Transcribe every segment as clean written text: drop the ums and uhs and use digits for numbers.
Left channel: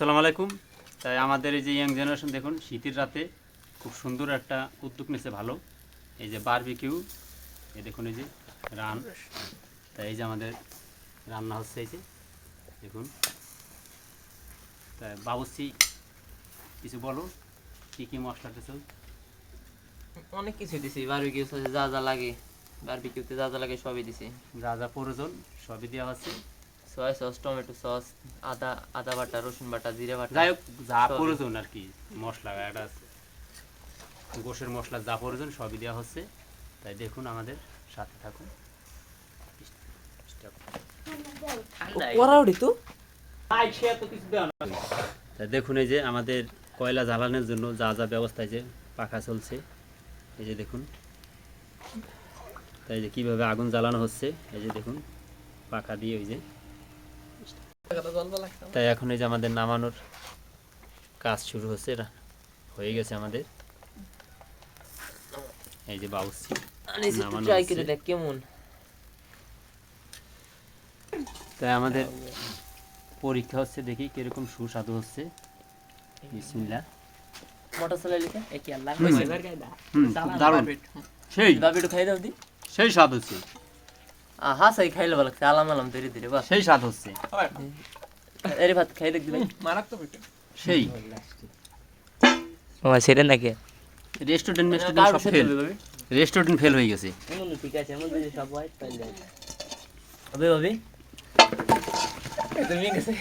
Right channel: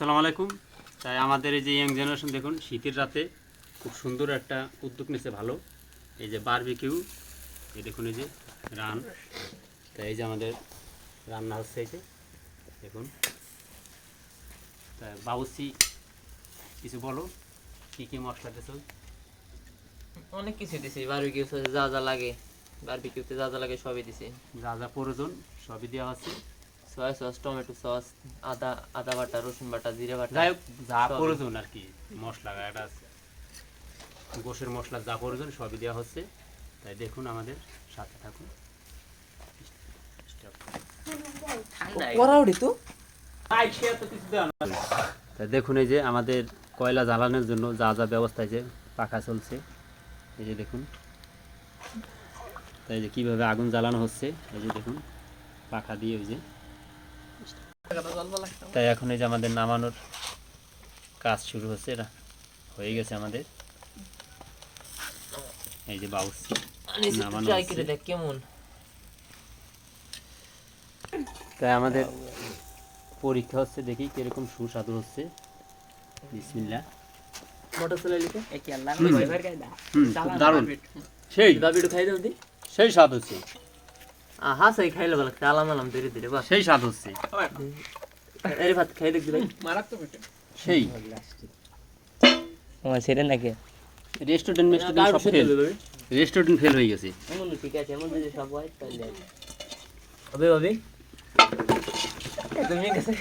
আসসালামু আলাইকুম। তাই আমাদের এই যে ইয়াং জেনারেশন দেখুন শীতের রাতে খুব সুন্দর একটা উদ্যোগ নিয়েছে ভালো, এই যে বারবিকিউ। এই দেখুন এই যে রান, তাই এই যে আমাদের রান্না হচ্ছে এই যে দেখুন। তাই বাবুসি কিছু বলো, কী কী মশলা দিয়েছো? অনেক কিছু দিছি, বারবিকিউ সসে যা যা লাগে, বারবিকিউতে যা যা লাগে সবই দিছি। যা যা প্রয়োজন সবই দেওয়া হচ্ছে। সয়া সস, টমেটো সস, আদা আদা বাটা, রসুন বাটা, জিরে বাটা, যাই হোক যা সবই। প্রয়োজন আর কি মশলা, একটা গোশের মশলা যা প্রয়োজন সবই দেওয়া হচ্ছে। তাই দেখুন আমাদের সাথে থাকুন। তা দেখুন এই যে আমাদের কয়লা জ্বালানোর জন্য যা যা ব্যবস্থা যে পাখা চলছে, এই যে দেখুন। তাই যে কীভাবে আগুন জ্বালানো হচ্ছে, এই যে দেখুন পাখা দিয়ে ওই যে। তাই এখন এই যে আমাদের নামানোর কাজ শুরু হচ্ছে, এটা হয়ে গেছে আমাদের। এই যে বাউসি নামানো ট্রাই হচ্ছে। করে দেখ কেমন। তাই আমাদের পরীক্ষা হচ্ছে, দেখি কিরকম সুস্বাদু হচ্ছে। বিসমিল্লাহ। মোটর চালাইলি তো একি আল্লাহ হুম। ভাইবার গায় দা দারুণ, সেই বাবিটু খাই দাও দি। সেই স্বাদ হচ্ছে, আহা সাই খাইলে ভালো, আলাম আলাম ধীরে ধীরে বাস। সেই স্বাদ হচ্ছে, আরে ভাত খাই দেখবি ভাই, সেই ও সেটা নাকি রেস্টুরেন্ট সব ফেল, রেস্টুরেন্ট ফেল হয়ে গেছে। ঠিক আছে, এমন যদি সব হয় তাহলে হবে হবে। তুমি গেছে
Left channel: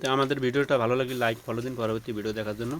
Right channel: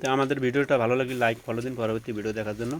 তো আমাদের ভিডিওটা ভালো লাগলে লাইক ফলো দিন পরবর্তী ভিডিও দেখার জন্য।